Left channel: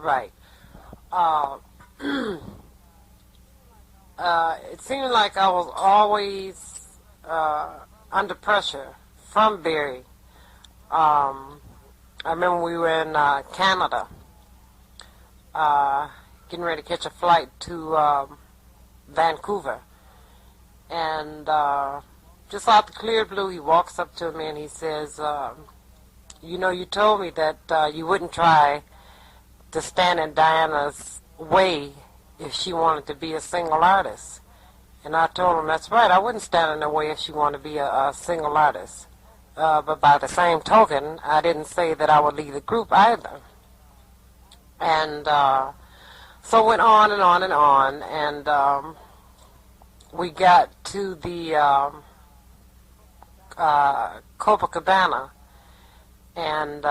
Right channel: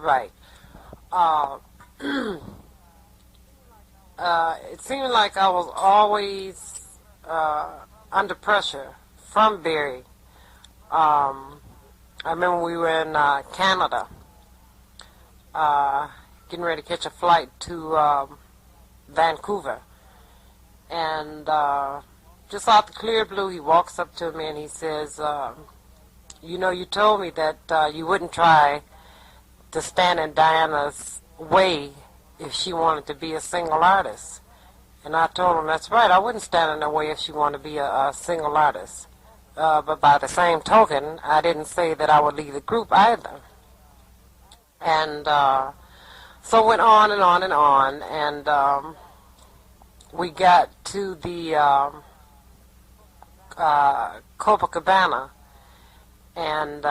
Right. Uh, it seemed like I was always under pressure from Barry. I remember we were in Canada, getting ready to catch a flight to Vancouver. And just out the clear blue, he walks up to me and he says, you know, you told me that you wouldn't try to stand in Diana's way if she wanted to be a single artist. And I told him, that's right, I wouldn't stand in her way if she wanted to be a single artist. But by the same token, I didn't say that I would leave the group either. And so it went on and on and on, and we got to the Copacabana, and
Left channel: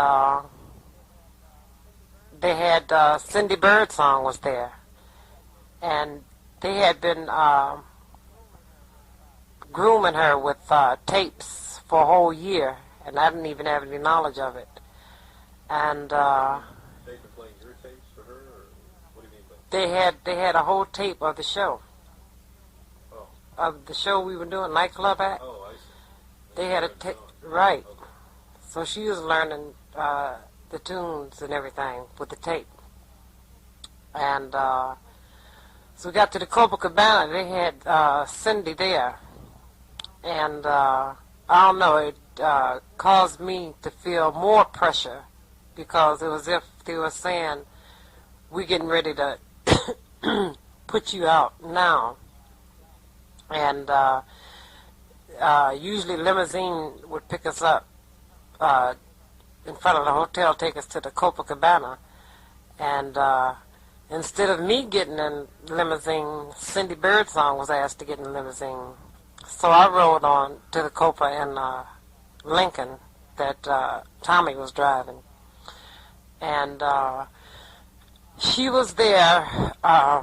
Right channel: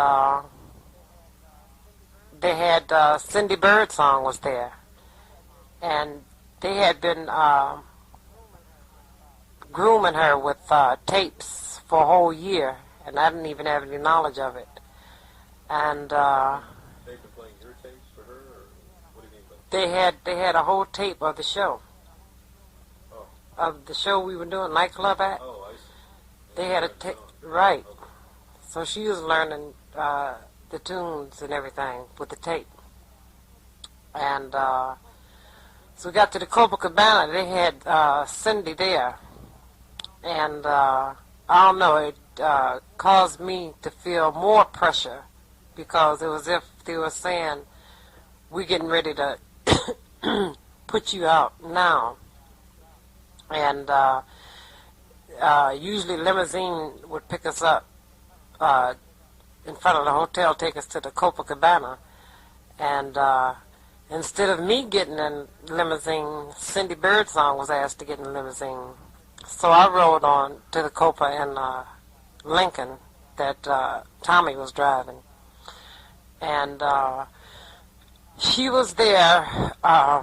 they had Cindy Birdsong was there, and they had been grooming her with tapes for a whole year, and I didn't even have any knowledge of it. And They've been playing your tapes for her, or what do you mean by they had a whole tape of the show, of the show we were doing, Nightclub at. Oh, I see. They had a tape, right. Okay. So she was learning the tunes and everything with the tape. And so we got to the Copacabana. They had Cindy there. And I don't know, it caused me to feel more pressure, because it was as if they were saying, we're getting ready to put you out now. And usually limousine would pick us up in front of the hotel, take us to the Copacabana. And instead of me getting in limousine, Cindy Birdsong was asked to get in the limousine. So I rode on to the Copa in Lincoln that Tommy was driving. And she was there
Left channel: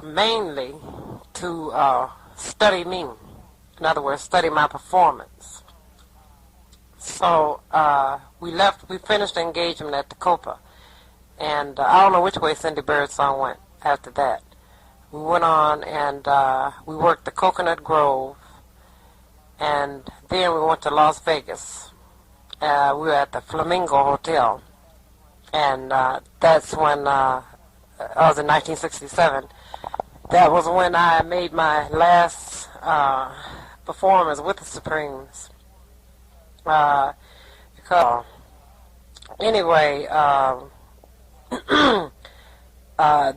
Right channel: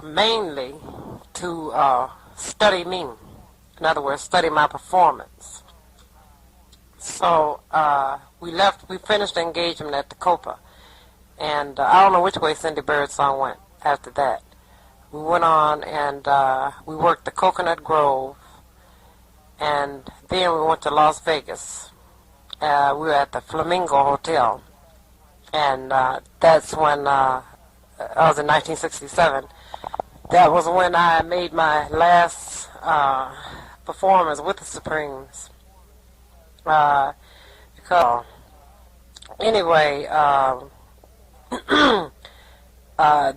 mainly to study me. In other words, study my performance. So we finished the engagement at the Copa. And I don't know which way Cindy Birdsong went after that. We went on and we worked the Coconut Grove. And then we went to Las Vegas. We were at the Flamingo Hotel. And that's when, I was in 1967. That was when I made my last performance with the Supremes. Because, anyway,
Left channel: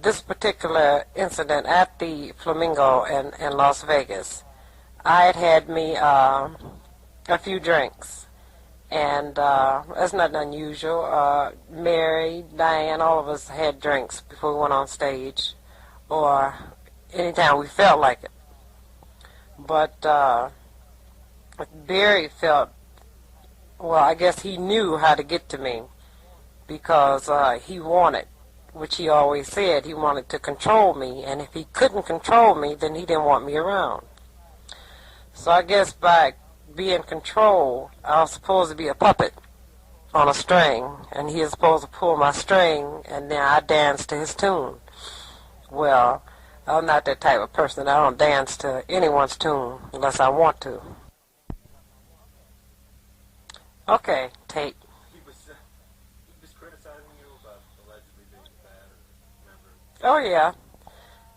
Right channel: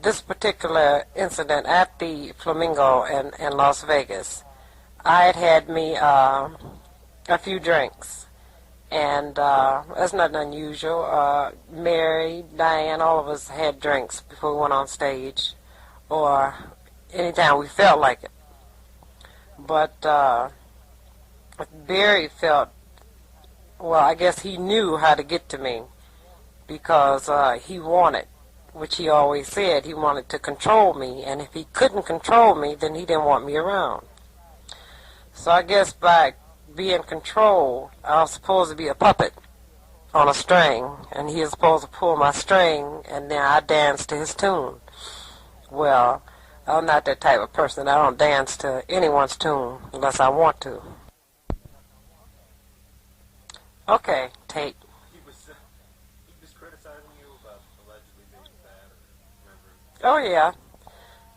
this particular incident at the Flamingo in Las Vegas, I had me a few drinks, and that's not unusual. Mary, Diane, all of us had drinks before we went on stage, or anytime we felt like it. But Barry felt, well, I guess he knew how to get to me, because he wanted, which he always said, he wanted to control me, and if he couldn't control me, then he didn't want me around. So I guess by being controlled, I was supposed to be a puppet on a string, and he was supposed to pull my string, and then I danced to his tune. Well, I'm not that type of person. I don't dance to anyone's tune unless I want to. Okay, tape. He was criticizing you about allegedly being fat, or Oh, remember? yeah.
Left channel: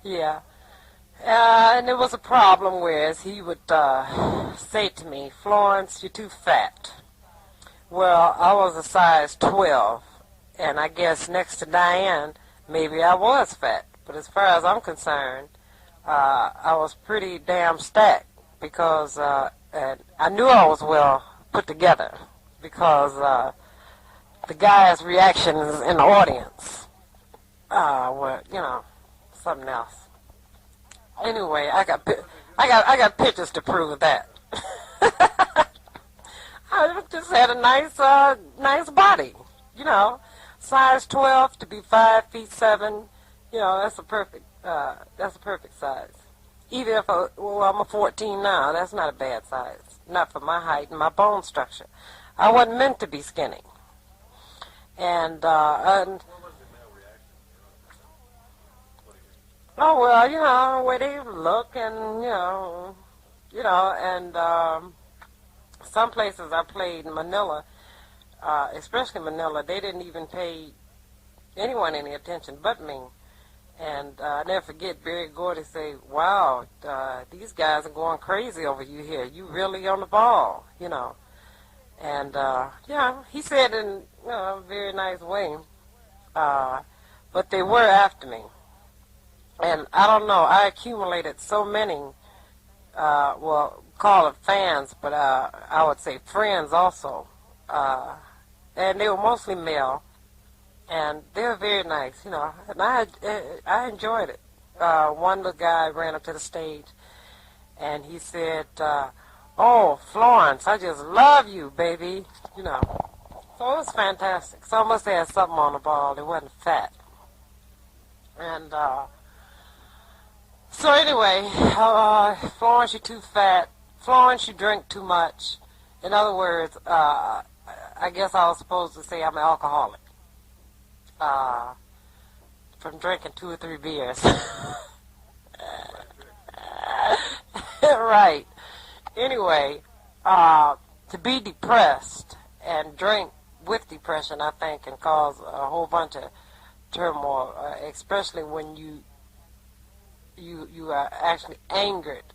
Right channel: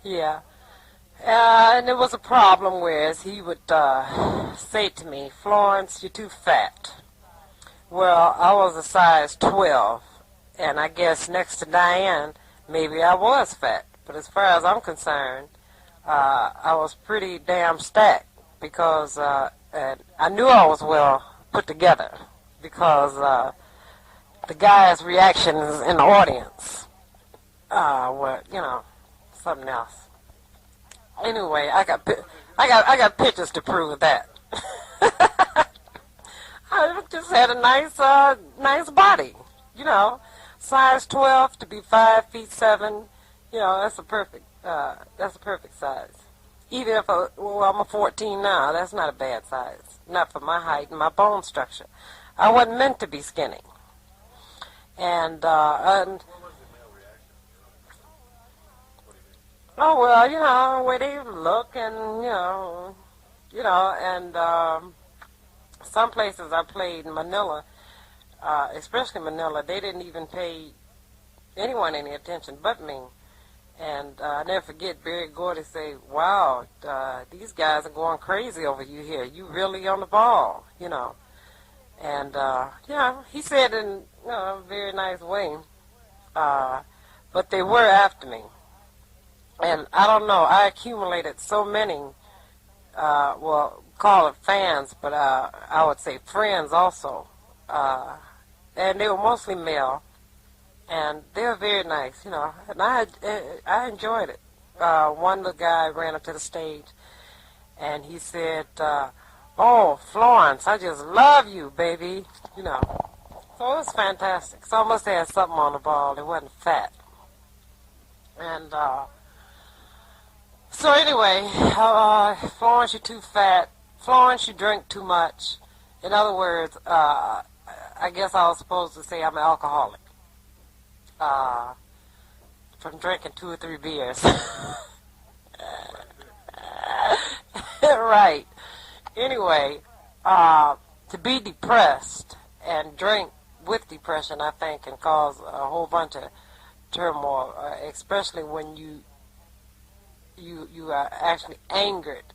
Yeah. And there was a problem where he would say to me, Florence, you're too fat. Well, I was a size 12, and I guess next to Diane, maybe I was fat. But as far as I'm concerned, I was pretty damn stacked, because I knew I was well put together, because the guys' reactions in the audience were, you know, something else. Anyway, I got pictures to prove that. I just had a nice body, you know, size 12 to be 5'7". You know, that's a perfect size. Even if I'm a 14 now, that's not a bad size. Not for my height and my bone structure. I wasn't meant to be skinny. And What was the male reaction? Oh well, where they look and and some places I played in Manila, especially Manila, they didn't even pay anyone any attention but me. And I never forget Barry Gordy say, "Wow, these guys are going crazy over you here. You really on the ball." And he said in a very nice way, but they were after me. And I don't know, I accumulated so many, call it fans, but I would say friends also. And they were mostly male, and they were very nice. And I enjoyed it. One little guy ran up to the stage, and he said, "Oh, Florence, I just love you, baby." So it was fantastic. So I must have had something on the ball. It wasn't fat. And so anyway, Florence, you're too fat. Florence, you drink too much. In other words, I guess I was supposed to say I'm an alcoholic. From drinking 2 or 3 beers. Right. Anyway, to be depressed and drink with depression, I think, can cause a whole bunch of turmoil, especially when you are actually angered